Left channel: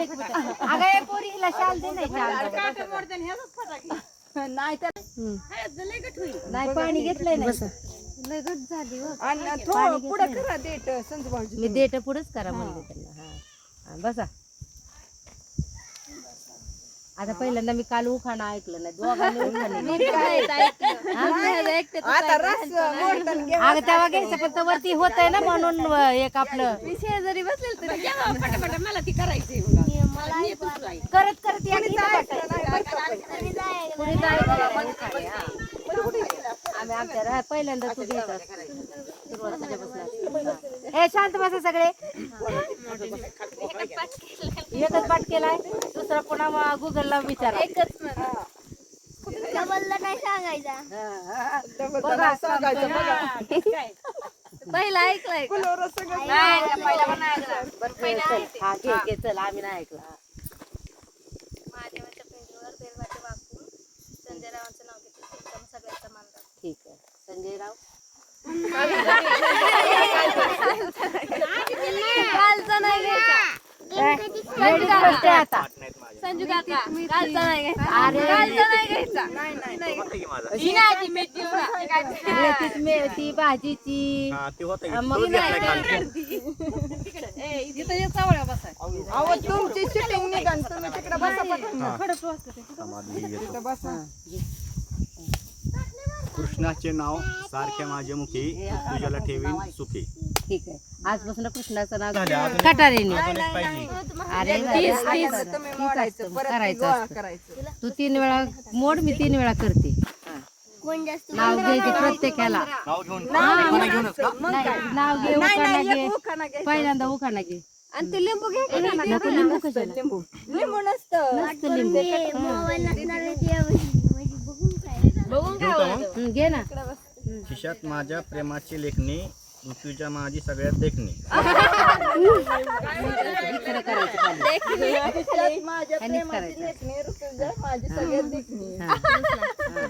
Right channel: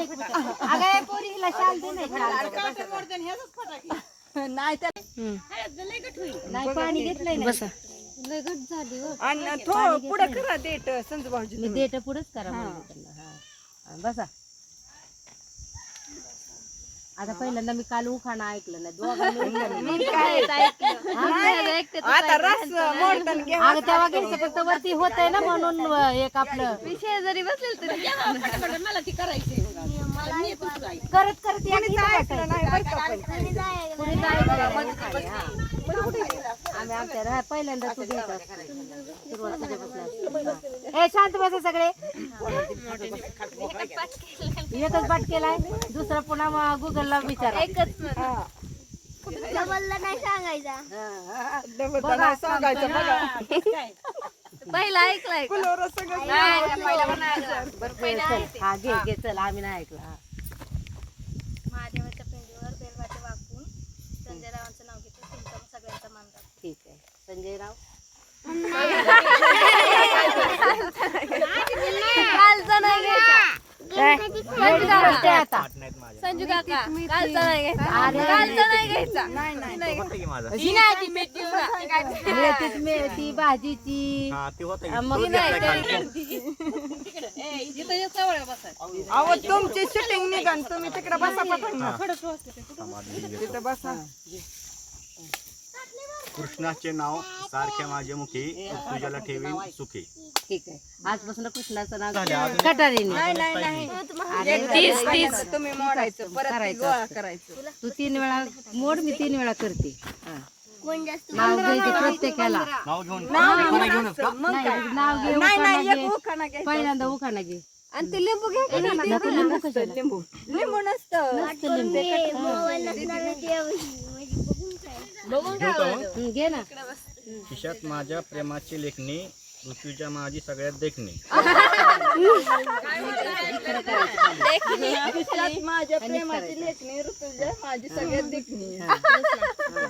नाही अगं ए, पोरी हिला शाल दे नाही शाल नाही पाणी घेतलंय ना. लय घट झाली हो. पाणी घेतलंय ना. मी पुढेच करा म्हणले त्यांना. हा. हा, बसा. आता पहिल्यांदा मी काल उखाणा ऐकलं ना दोघांनी उखाणा अगं तेव्हा घ्यायचं फक्त वरती होत आहे ना म्हणून एक आपलं. शेजारी बसलेल करत करत या बसायचं. कुणी उखाणे, हा. आम्ही आमच्या रा- पहिल्यांदा तू घेत असतो. सुरुवात तुझ्यापासून असते. ए शांत बसा सगळे. एकच पाठ केलाय दुसरा पुन्हा गुगलला विचारा. नाही सांगायचा बघा, पहिला ऐकलाय बरं, चल. हा घे घे चल. आम्ही नाही ऐकलं. हा. महादेवाच्या पिंडीवर बेलवाटे वाकून संजय रावांचं नाव घेते तुमचा सगळ्यांचा मान राखते ठीक आहे संजय राव कालचा नाही घ्यायचा Ladies first आहे आता संजू काका कालचा नाही घ्यायचा अरे कालचा नाही घ्यायचा मेथीच मेथी भाजीची. मग. तुमची शूटिंग निघाल तुम्ही तिकडे बसा. कृष्णाचे नाव सारख्या माझ्या मुखी तुझ्याला ठेवीन सुखी. ठीक आहे. आजपासून कृष्णाचं नाव कटारीने. अरे तीस तीस करायचं तू तीन वेळा मोड मी तीन वेळा करते. नाव घ्यायचं प्रत्येकाला. नाव घेऊन. घे उखाणा घे. पहिल्यांदा उखाणा घे. आणि ते लिंबू घ्यायचं ना नको लिंबू? लिंबू. लिंबू. नसतं नसतं लिंबू घेऊ का मग? हं, घे ना. खिशात माझ्या प्रेमाची लेखणी ऋतूच्या माझी सगळ्यात देखणी. माझ्या प्रेमाची. लेखणी ऋतुजा माझी सगळ्यात देखणी. हा. हा.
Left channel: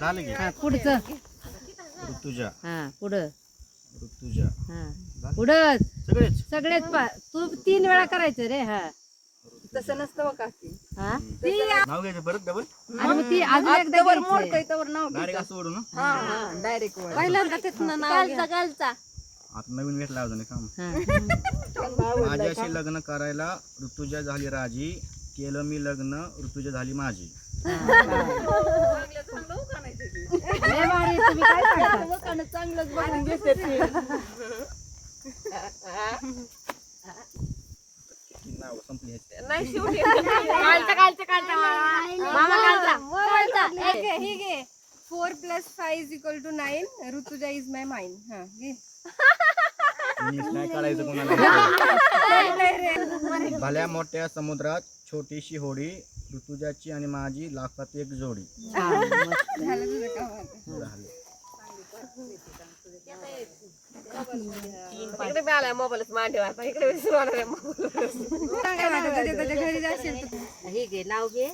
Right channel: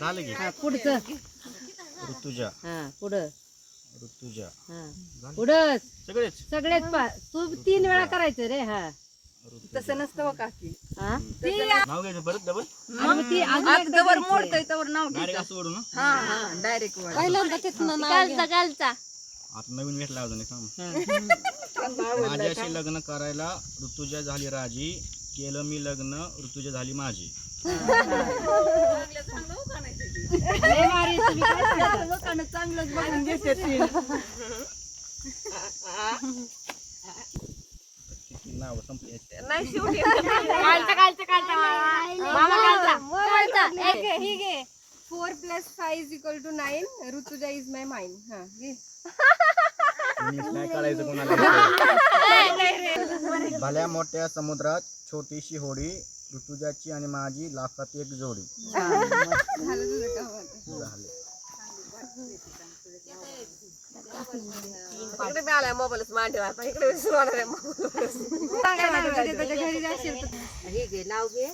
हा, हा, पुढचं. ऋतुजा. हा पुढं. ऋतुजा. हा. पुढं सगळेच. सगळेच पा तू तीन वेळा करायचं रे हा. तसं नसतं बघा की. हा? नाव घ्यायचं परत डबल आणि मग ती अजून एकदा तवर तवर नाव घे. डायरेक्ट असं ओढू ना हा हा डायरेक्ट वर. पहिल्यांदा तिथनं नाव घ्या. कालचा. आता नवीन भेटला अजून काम. हा. माझ्याशी लग्न करायला ऋतुजा झाली राजी केलं मी लग्न ऋतुजा झाली माझी. लय भारी, तुम्ही काय सांगता? लोकांना चांगलंच बोलून घेते ते. नाव संपली नाही शेवटी four plus five is equal to nine Rutuja is my mind हा घे. इंग्लिश नाही काढायचं कोणाला. भल्या मोठ्या समुद्रात छोटीशी होडी ऋतुजाची आणि माझी लाखात एक जोडी. हा, मस्त. झालं तुझं काम आता. जाशील तर हे घे नाव घे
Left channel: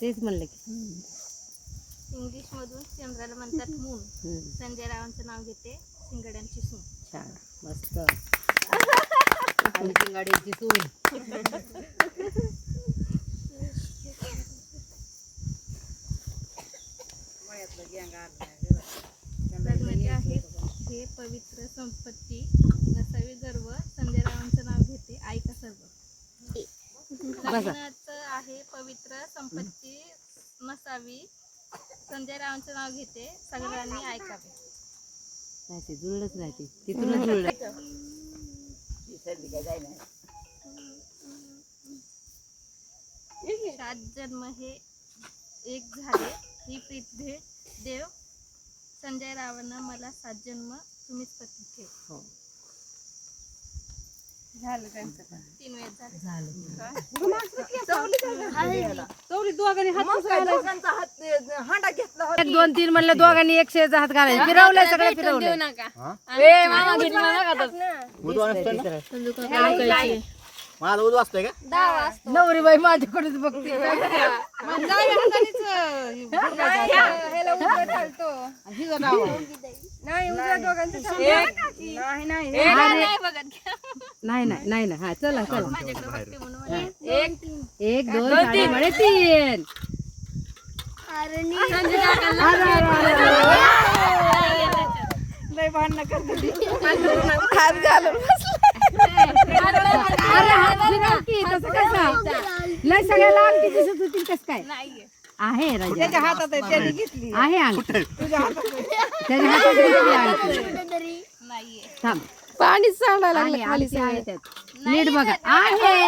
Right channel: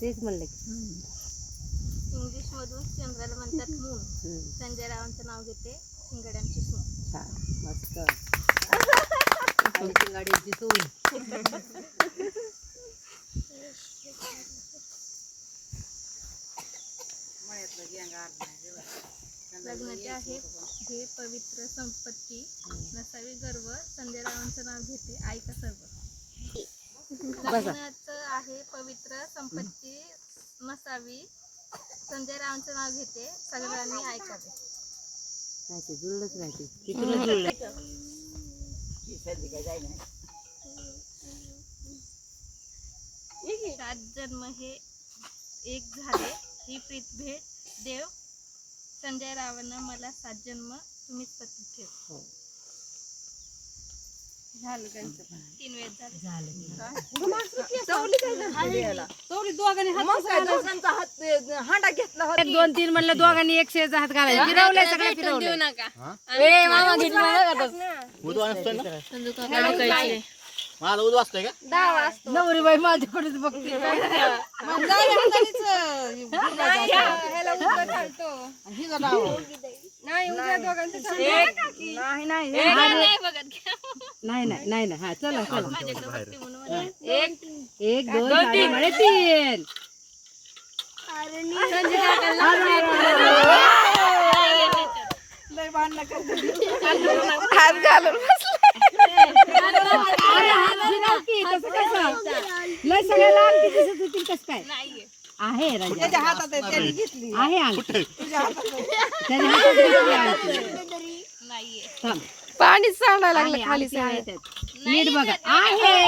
तेच म्हणलं की इंग्लिश मधून चंद्राला म्हणतात मून संजय रावांचं नाव घेते शिंगड्यांची सून छान मस्त शिंगाड्याची सून लग्नाचे आहे हे पवित्र संपत्ती नसावी गर्व. संजय रावांचं नाव घेते. ऐका सर्व. लग्नाचं आहे पवित्र संपत्ती नसावी. संजय रावांचं नाव घेते. सगळ्यांनी ऐकावे. नाही ते जुळलंच नाही ते तिथूनच जुळलं सात जन्म हे एक झाले. ही प्रीत भेट देव संजय रावानं मला सात जन्म तुम्हीच पती ठेव. हो. झालं त्यांचं. तीन वेळ झाले. झालं चौरी दोघांनी हात दोघांचा हात अं, हांडा घेतला होता एक दोन तीन म्हणलं दोघांनी एकशे हात घालायचे. फिरवलंय सगळं फिरवलं माझा उदू असतोय का नवरी बाई माझ्याकडेच बघते ह्याला उजवा चालतो हिचं नाव नाही दोघांचं नाही नाही नाही, नाही बघत घ्या. नाही नाही नाही नाही हा चला चला माझ्याकडे बघते म्हणून म्हणे. एक दोन साडे म्हणे तीन अरे, अरे, अरे, लय भांडणं करते हात घालून अरे, लय सगळ्याला अंगठी दिसत होती कसं काय? आहे राजा. त्याच्या हातात आहे? त्याने घेतली आहे. अंगठी तुझ्या हातात आहे. त्याच्या हातात दिसली अंगठी. थांब. पाणी सांडायला आहे, लागलं खाली अंगठी आहे त्यात. नीट बघा. आहे.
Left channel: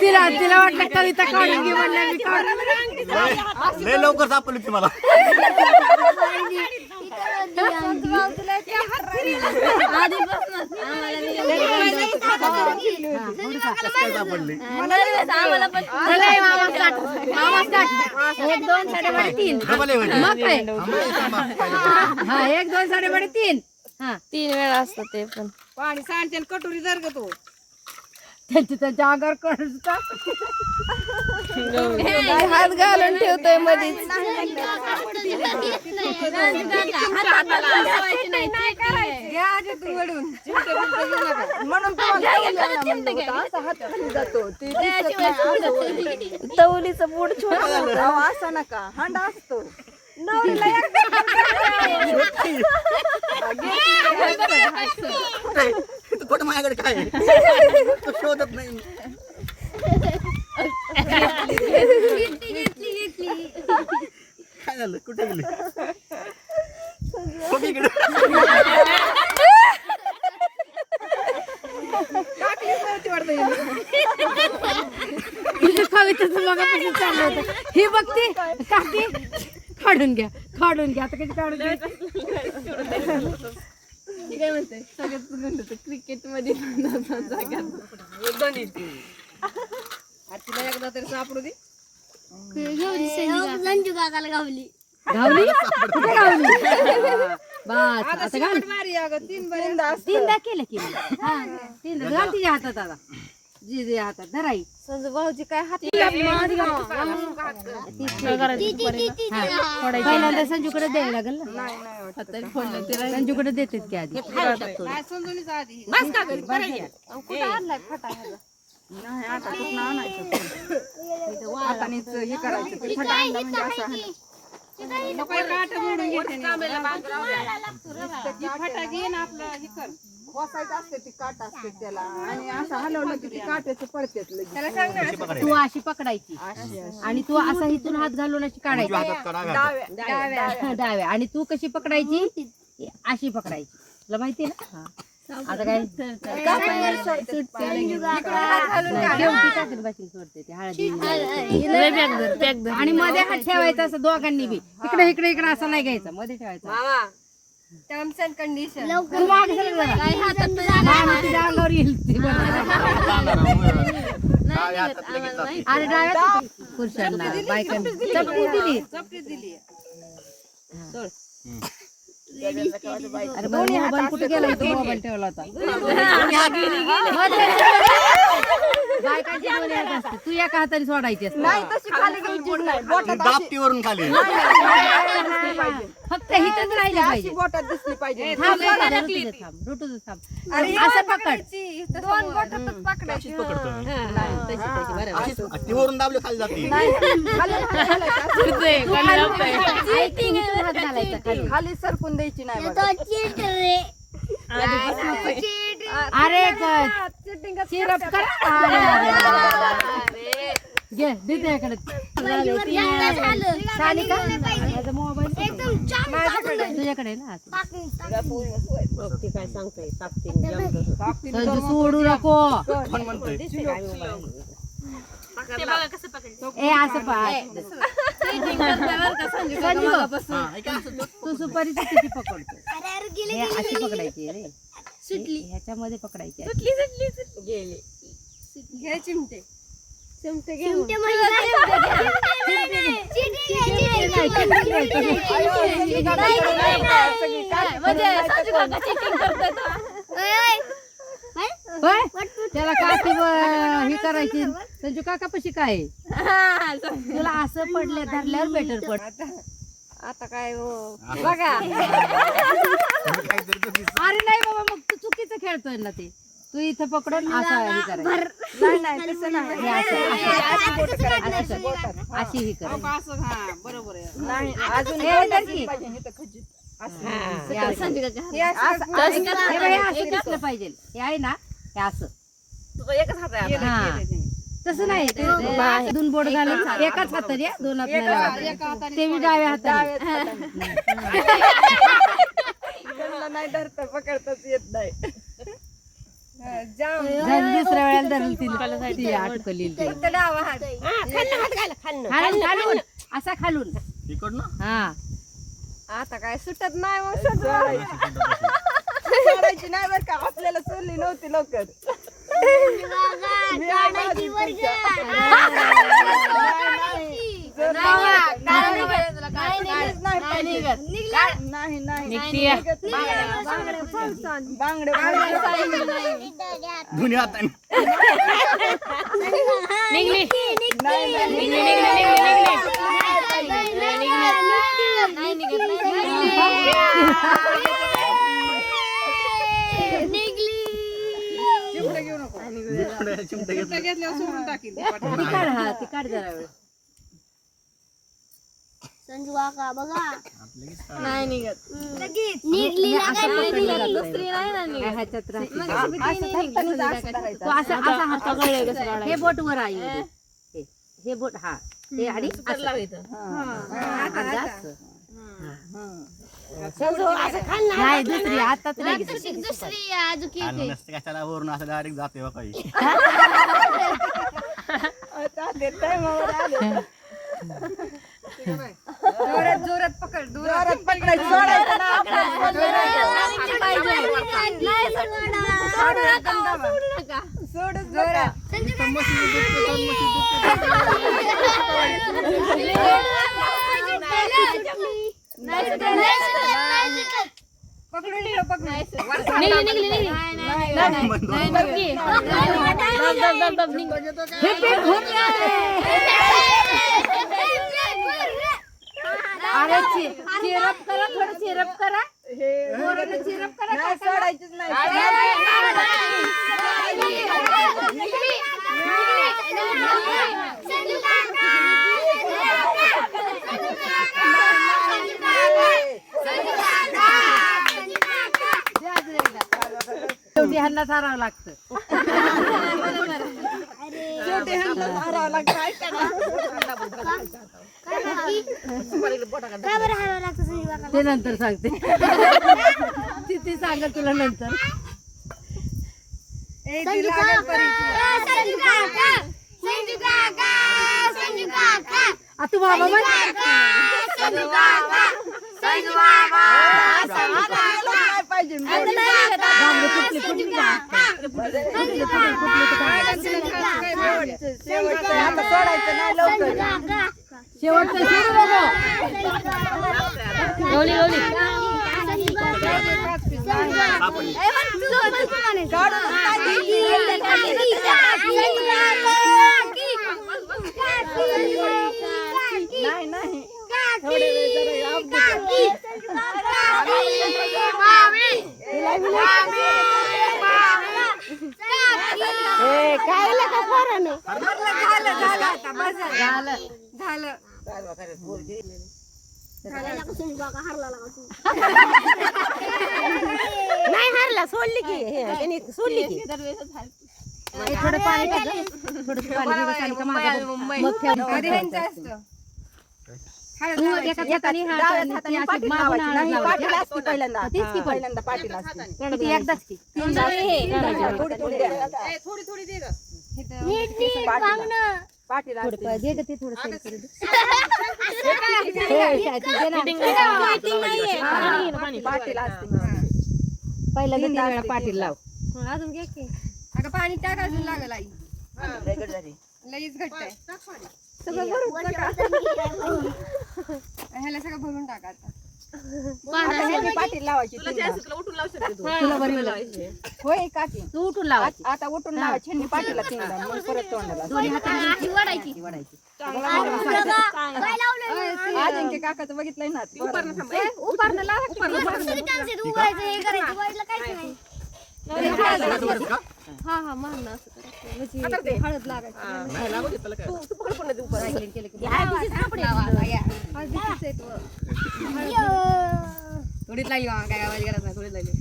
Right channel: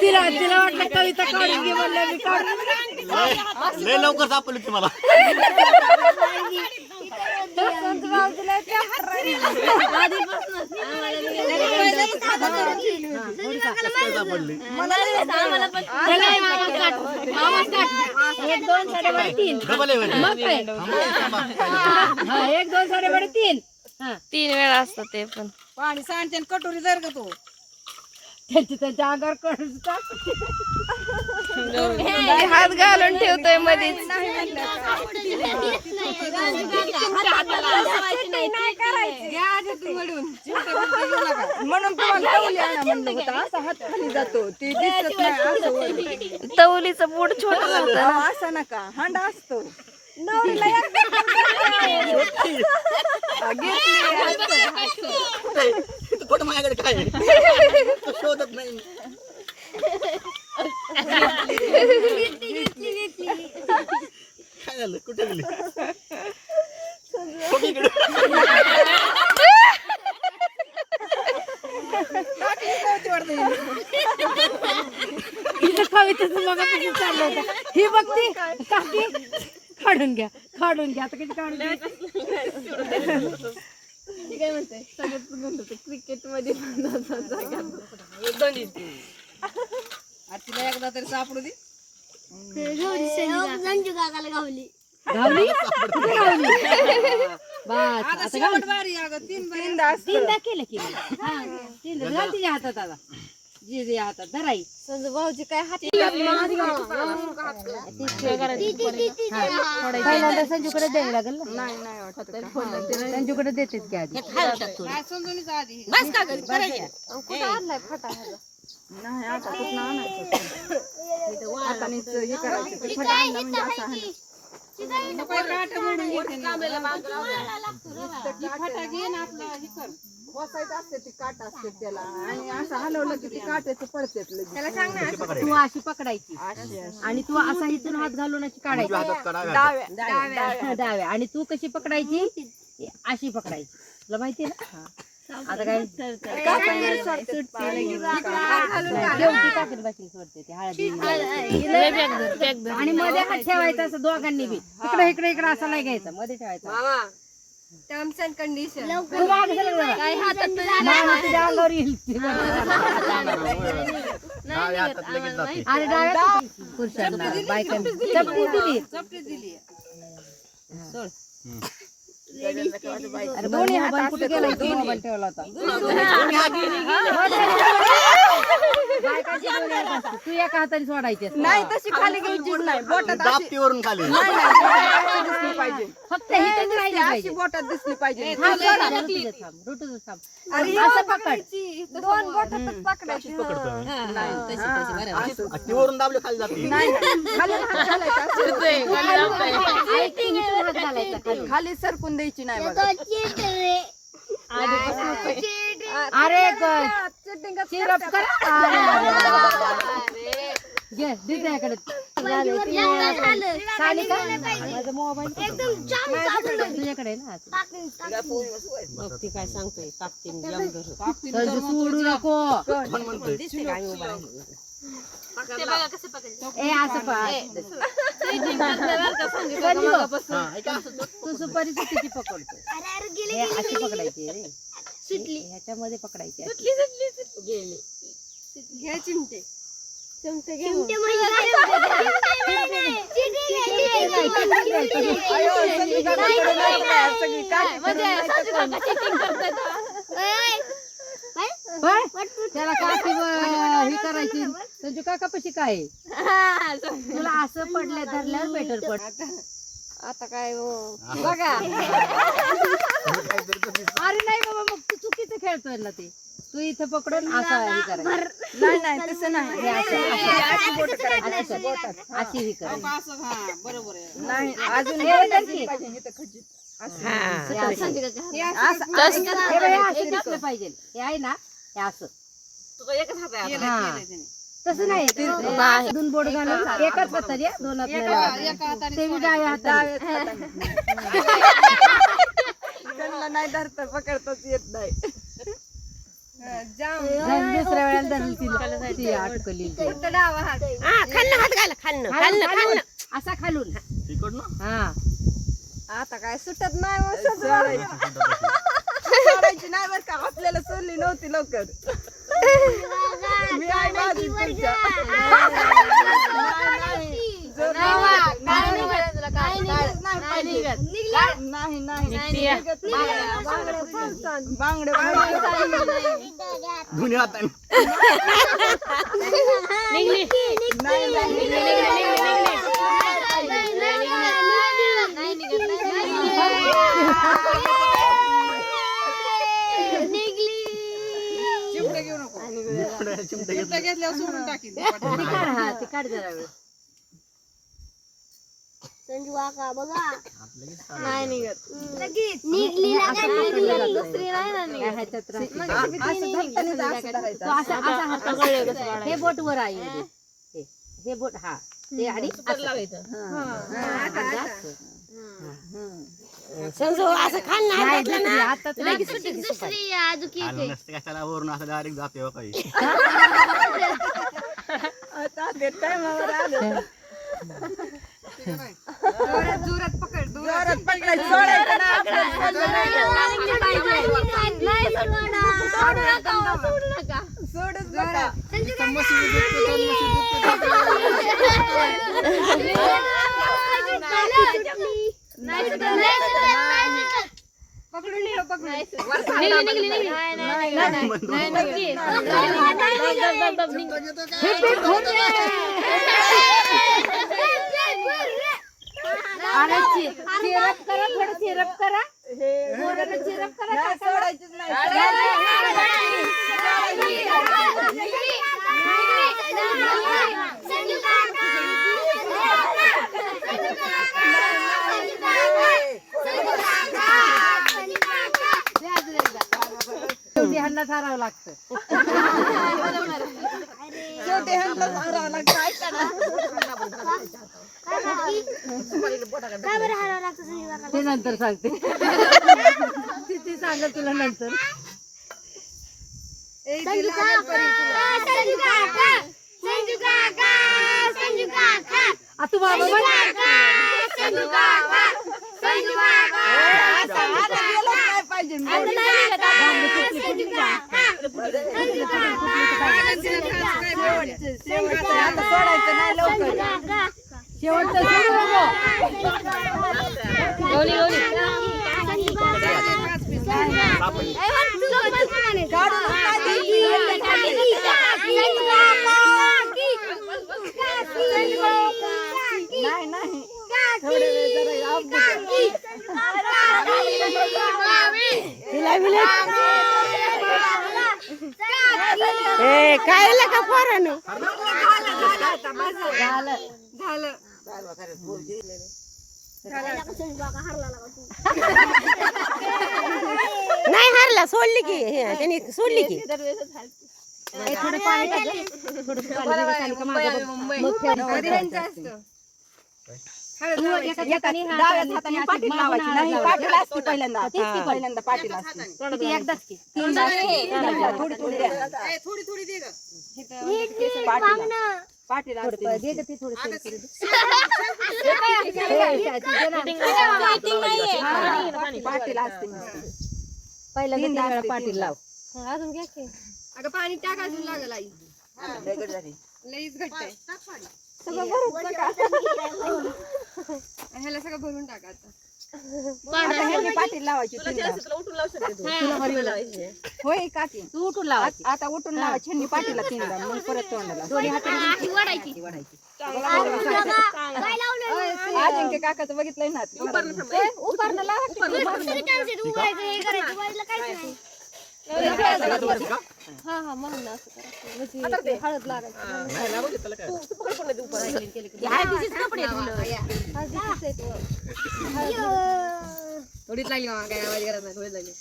तिला तिला वाटलं कविता काढून घे म्हणलं मी काढून लय लवकर सापडली ती मला. एक दोन साडेबारे तीन. हा एक दोन साडेबारे तीन हा तीन वेळा असतं ते पण पाणी सांडते आणि कटोरी धर ग तू त्यांची त्यांच्या अंगावर कळतात. हात घालून ठेवतोय वर. तवलीचं बोट छोट होतं ना. असं नका. हांडा असतो. इथं कुठं माझ्याकडे काय आहे? तो शोधत नाही काय झालं कुठे गेली हो, इकडे. तिचं कवितेचं मगापासून चाललं होतं ही बघती काकी काढून घ्या काढून घ्या. आता कधी काढून घ्या आणि तिला एकदा तरी सापडू दे. गावली. कुठे गावली? बस आता घाल बारी अगं तीन तीनदा केलं की. हा तीनदा. तिच्या हातात आता. जी हातात धराई संजू भाऊजी काय हात पहिल्यांदा संजूकडे द्यावं लागेल ना? संजूकडे देतेत की आधी कुठं आणलाय फटा ह्याचा? नाही आता कुठं आणायचं हे करायचं. ते फटा आणला म्हणजे असं हाणायचं. नको हे काठं मोडून घेते ती फटा घे ना आपलं हे कर. असते ती काट असते त्याला. आणि असं हलवलं की ती काट्याचं पडतेच लगेच. तू अशी पकडायची. आणि तू असा इथून हात घालून अशी काढायची. डाव्या? हा, आणि तू कशी पकडायची? अशी पकडायची. तुला माहिती ना? आता काय? नाही, शेवटी टाकत बसून सोडते ते हळदी आणि मध्ये हात ठेवायचा असं दोघांनी बी. इकडे इकडे इकडे असं नाही घ्यायचं. मध्ये ठेवायचं. टर्म्स अँड कंडिशन तुझ्या अंगावर येईल. ते पुरुषांना बायकांना. चपटी दिली. अरे कुठे गेला? मोबाईल ठेवला होता. बायकांची. तू एका हाताने सोडायची असते. नाही तशी खाली घ्यायचीच नाही. बोटात खाली. दिसली पाहिजे फक्त हिथंच राहिली अशी पाहिजे. बोटात दिसली पाहिजे. थांब, जरा रुटू दे थांब, रुटू दे थांब. असं पकड. दोन बोटातच पकडायची. अशीच पकडतो ती. वरून दाबली खाली जाते. हात घालायचा. खाली. खाली सरकून द्यायची नाही बघा. अरे ग- सिरप कर. घे दे त्याकडे सानिका माझा मोबाईल तुझ्याकडे आहे ना हा. संजू सोडू नको. ए असं तो- सुपारीची किती पकडतो अशी पकडायची रे. ह्याच्यामध्ये पकडायची. घ्या चिमटे. चिमटे होय? त्याला काठी ही करायची. संजू काका पशी काय? आहे? तुला असं पडल्या धरल्यावर बेटर पड. आता काय हो? बघा. अरे नाही बाबा मग तू चुकीचं खेळतोय ना ते. तू इथं पकडून असं हे करायचं नाही नाही तसं नाही. हे असं- असं- असं कर. अशी ही अहो, करायची. का असं हा बरोबर आहे. नाही अजून हे कर की. पाहिजे हे तर खजित. असं. हे. असं. हे असं- हे बघ, हे असं दिसलं पाहिजे. हे आहे ना हे असं. केलं, हा. केलं त्याने. तसं नाही. ते दोन बोट घालून एकाच हातात या दोन हात नाही लावायचे. एका हाताने ते बी डाव्या हाताने. त्यांना नाही धरता पकडताच येत नाही. दुसऱ्या वेळेला धरली तिला ती अटकली हात. असा खालून तिकडनं हा आता काय सुटत नाही हो. सोडायची नाही बरं का आपल्याला सोडली नव्हती लवकर मी आहे माझी तुमच्या. नाही, नाही नाही निघत नाही. बांगडे ते. ती हा ती काढ जरा वेळ तो असा असा हात पकडला. हे बोट वर आहे हे. हे. हे बोट हा हे आणि असं. हा, आणि असं. नाही दुसरी आताच नाही घेतली. आणि नसते कशाला वरून असं डायरेक्ट जाते हो काही जोरात जोरात पकड जोरात. पकड जोरात. पकडून ठेव पकडून अरे चिरप करा थोडं चिरप करा. हे. चिरप करा सोडायचीच. शेवटी ह्यांना सारावं लागतं. शेवटी ह्यांना मारावं लागतं. ते नंतर सांगते. ती ती सांगत तुला नंतर. एक ती लागल परी आ, तू बाबा. काय पाहिजे कुठली कुठली? आता सोडायचं नाही लवकर. शेवटचं नाही नाही थोडे जरा याप दे. झालं. झालं. नाही हरला सोडली की. हे, त्यांनी सोडली की. थोडं पाणी पहिल्यांदा. एकदाच की. थोडी थोडं असते. पा- दे गं ते थोडं सैल करू दे. हे, तू दे ना. पाठीला असते? पहिला दे तीन वेळा पाटील लाव. अगं पाणी टाक अजून लागल आई. लईच घट्ट आहे. सगळं भरून टाका. ह्याला सगळं भरून टाका आता. लावायची लावायची होय काकी. तू उठून आ- आता उठून लावायची ह्यांनी पाठीला तीनदा मग परत तोंडाला. दोन्ही हाताने वाढायची. अजिंक्य काकाचं बघितलंय ना. उभारणं लावा उभारणं. हा हा मान असं करायचं म्हणजे ते हळद लागायची. हळदीचेच. थोडीच लागली मामा काय आवाज गरज नाही थोडीच लागली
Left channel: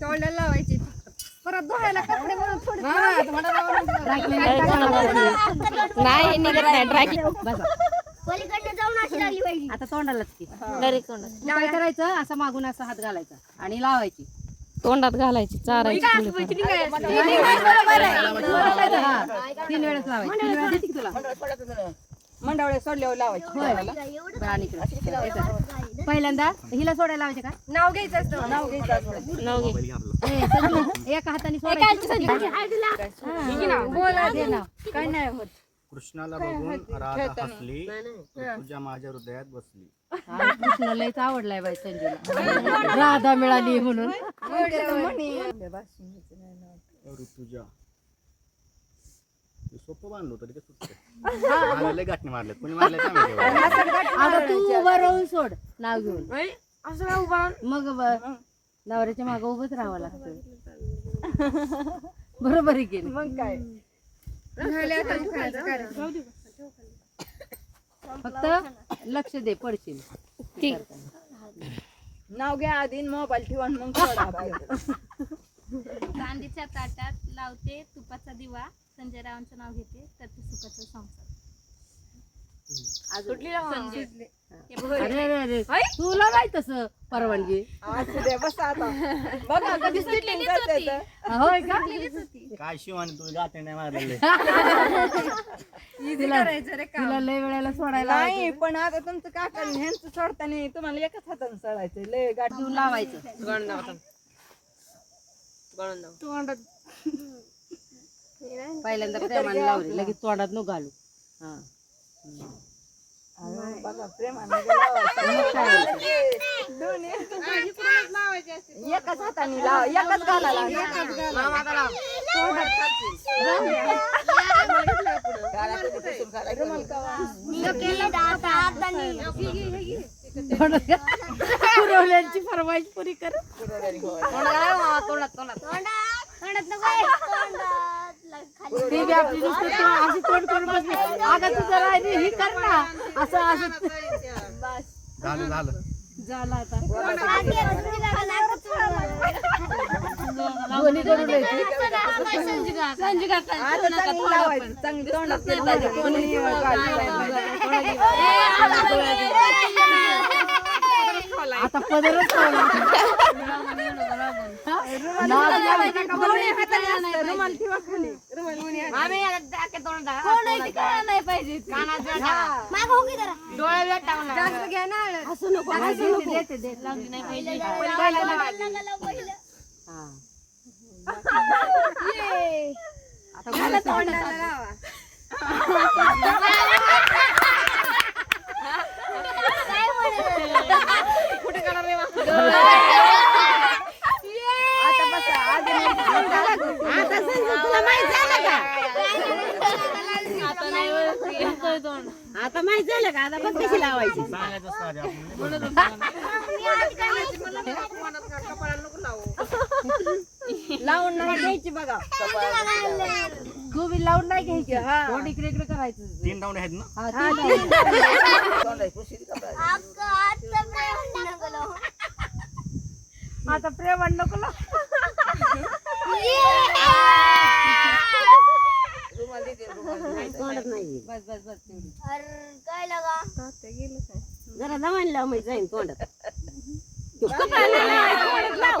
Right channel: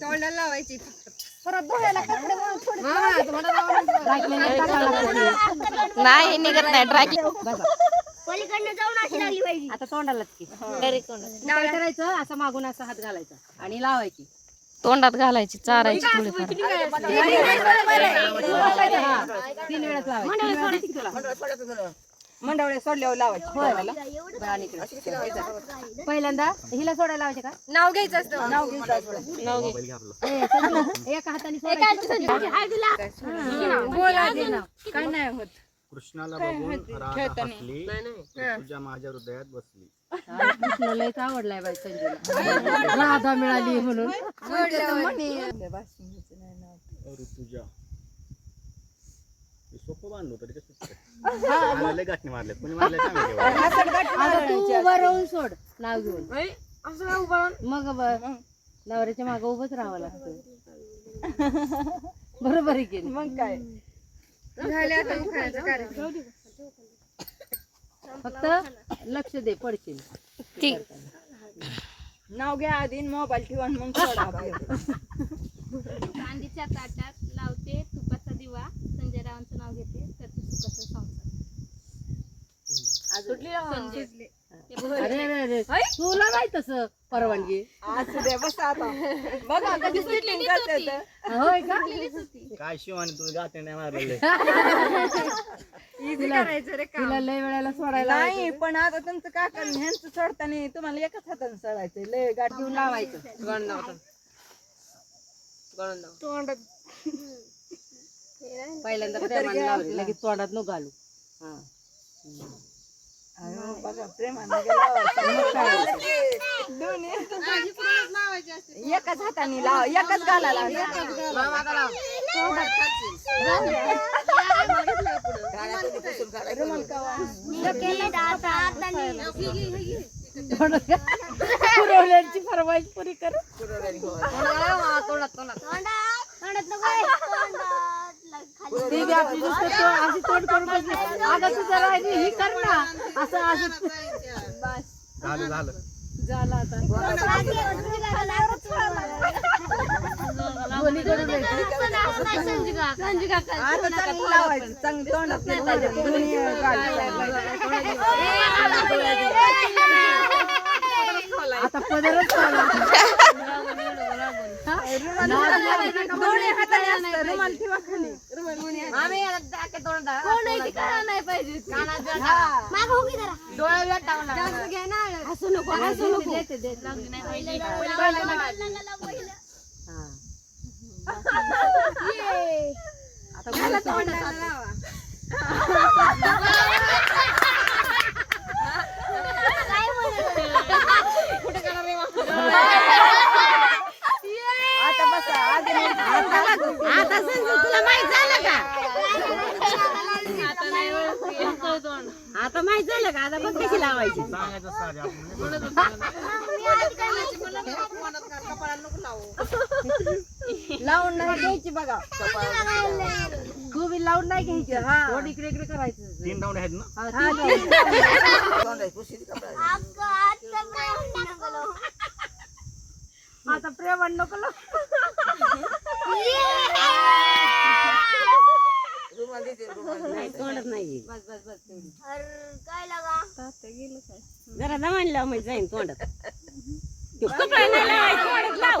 तोंडाला लावायची. फक्त परत धुवायला कपडे म्हणून थोडी नाही निघत नाही. ड्राय आता तोंडालाच की. काय करायचं? असं मागून असा हात घालायचा आणि लावायची. तोंडात घालायची चारायची थोडीफार. मंडवळे सोडल्यावर लावायची. पहिल्यांदा हिला सोडायला लावायचे का? नाव घ्यायचं असतं. नाव घ्यायचं एका हाताने सोडायची. काय नाही होत. कृष्णाला बघून राधा हसली ऋतुजा माझ्या हृदयात बसली. कृष्णाला लयच आवडलाय बाई संजूला राधा मिळाली म्हणून. ऋतुजा. हे सोपं बांधलं होतं ते सुटतं आणि लय गाठणे मारलेत कोणी मारले आता तू उभं राहून सोड नाव घेऊन. मग ब- नवऱ्याच्या मागं उभंच राहावं लागतं. बरोबर आहे की? मग काय झाले आता उखायचं कार्य. फक्त लक्ष दे पडशील. ठीक. नाव घ्या आधी मोबाईल ठेवा आणि मग. चांदीच्या ताटात लावते तुपाचा दिवा. संजय रावांचं नाव घेते करते सुखाचा संसार. अरे अरे अरे. तुला नाही तसं परवानगी. असू दे बस आता. बघा होय का? काय शिवानी गाठणे नाही मारलेले? तिला लय वेळेला सोडायला नाही पण आता तुमचं काका ह्यांचं सोडताना तुम्हाला एकच हाताने सोडायचं. लय गाठ देऊन लावायचं. पहिल्यांदा प्रेमाने लावले लगेच तोंडात न घालू. हा. बघा प्रेमाने होतं? एकच हाताने लावा एकच एकच घाला पुरवल्यांची फरमाईश पुरी कर. ती बी आपली नुसतं तो- असं तोंड करून बसली अगं तुझं राहिली ही कर ना असं असं झालं झालं झालं आता दोन्ही करून द्यायची. आता चांगलं लावायचं चांगलं तोंडात केलं पाहिजे कोणी आता पदरच लावला. हा? ठेवा. खाली जास्त घ्या ना. हळद. देते, देते. हा. आता मला तोंडाला लावा आता बसा आधी आता माहीत झालं का आता पण कशी लावायची सांगायचं असतं आधी आपण लावून नाही द्यायची बघा तू बी लावून नाही घ्यायची तोंड इकडे इकडे तीन डाऊन आहेत ना. हा. आता प्रेमाण नको. लावू. तोंडात नाही बस बस बस तेवढी. जरा दमान लाव म्हणजे जाईन तोंडात. तो लावायचं, तोंडात लाव.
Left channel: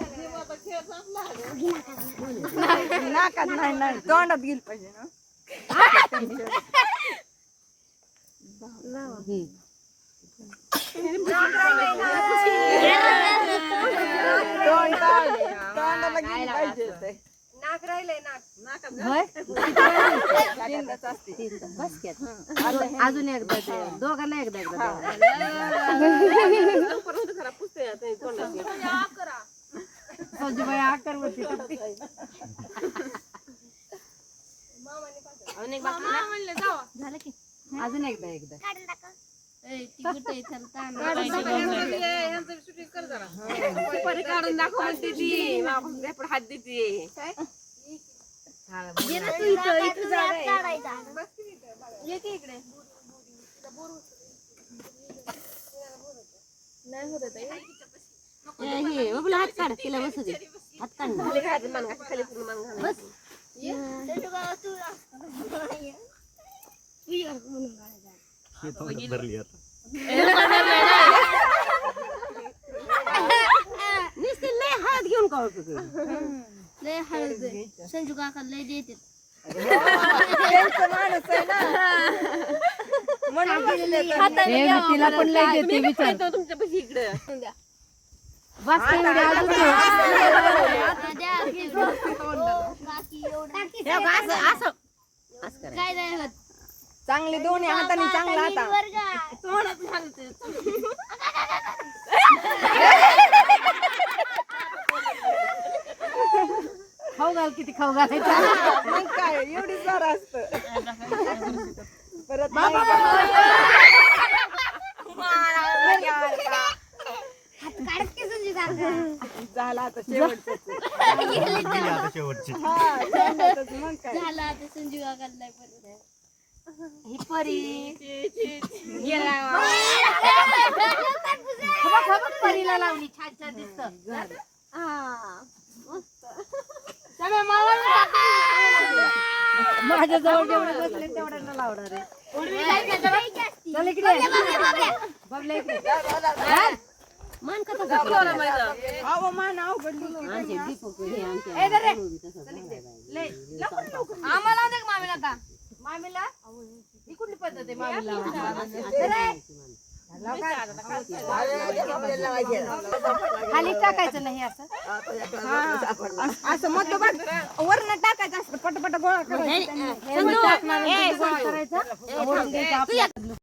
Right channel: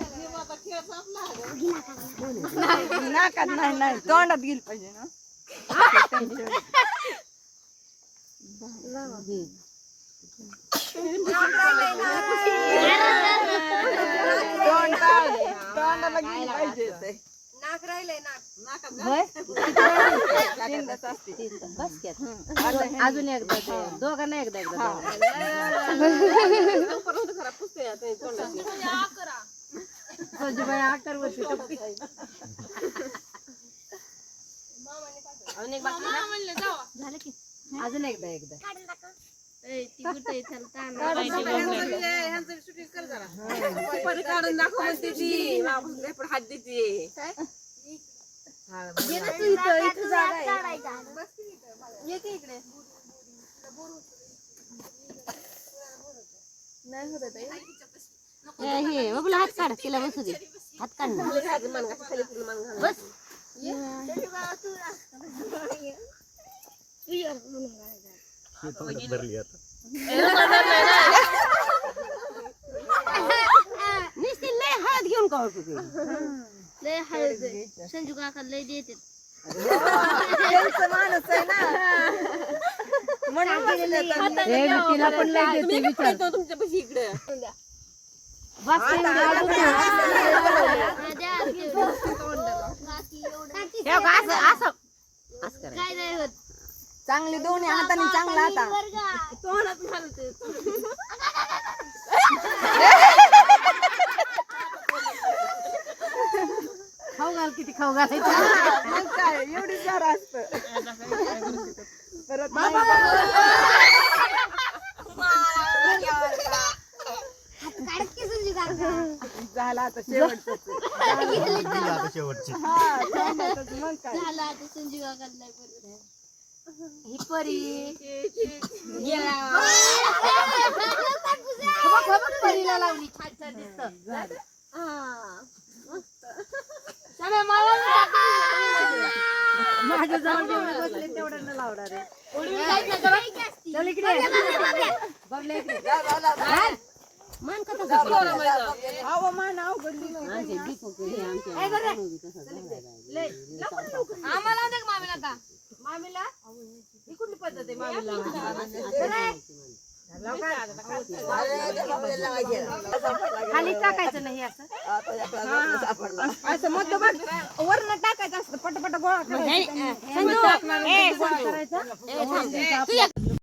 नाकात नाही नाही तोंडात गेली पाहिजे? तोंडाला गेली पाहिजे नाक राहिलंय नाक अजून एकदा दोघांना एकदा एकदा फौजीबाई आकार वरती टप्पी. झालं की? अजून एकदा एकदा. सुपारी काढून दाखव म्हणते ती. वापस रेपड हात देते. हे बघला हात काढ तिला बसू दे हात काढ ना. खाली घालायचं मान घालायचं, खाली पूर्ण मान घालायचं. बस भरली आता. नुसती लय हळद घेऊन का संजू काका लय देते. तिला पण लय देते येतो तुमच्यापाशी इकडं. चांगले दोन्ही हाताने चांगला आता खाऊ घाल किती खाऊ घालायचं. काय एवढी जरा असत. परत झाला आता शेवटचं गेली आता शेवटची हा शेवटचं मग काय झाला आता संजू काका लय बरं. ही परी. गेला. खबक खबक परीला लावली. छान छान दिसत. माझ्या जवळ जेवढे बसले तेवढ्यांना लावणार आहे. बबल्या इकडे. मन कसं मान अवघडली हे. आम्हाला दे मामीला का मामीला ही कुठली पद्धत आहे मामीला खाली टाकायचं नाही असं असं मग बघ वरण टाकायचं असतं पटपट गोळा करायचं